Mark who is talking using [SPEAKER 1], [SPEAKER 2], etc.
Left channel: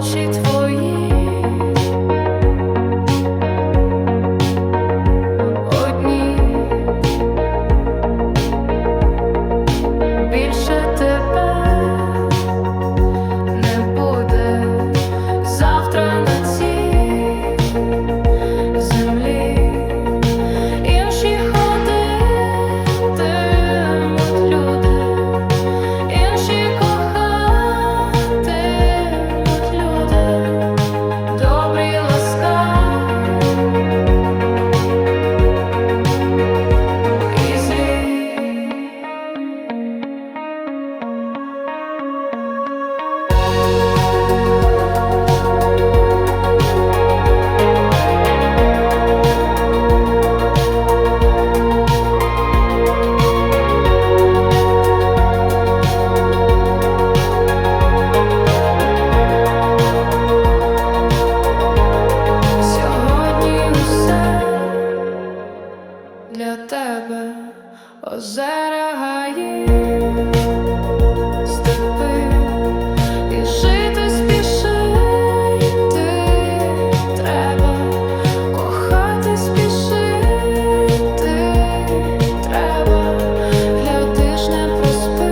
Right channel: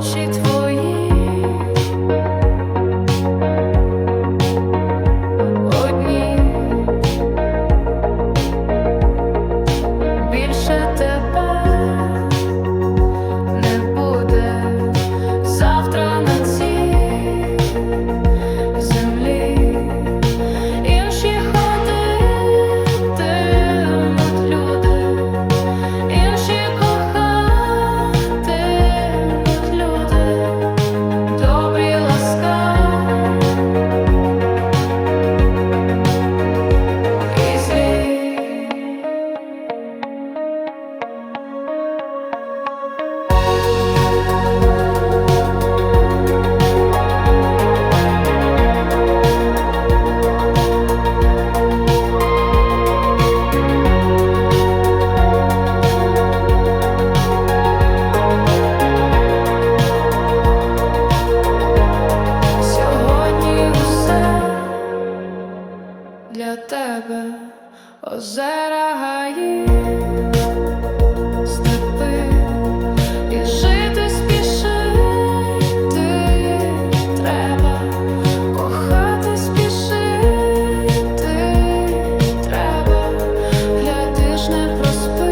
[SPEAKER 1] очі твої, одні більше тебе. для тебе. Озера гаї, степи. І жити спішити треба, кохати спішити треба, глядиш не проспи.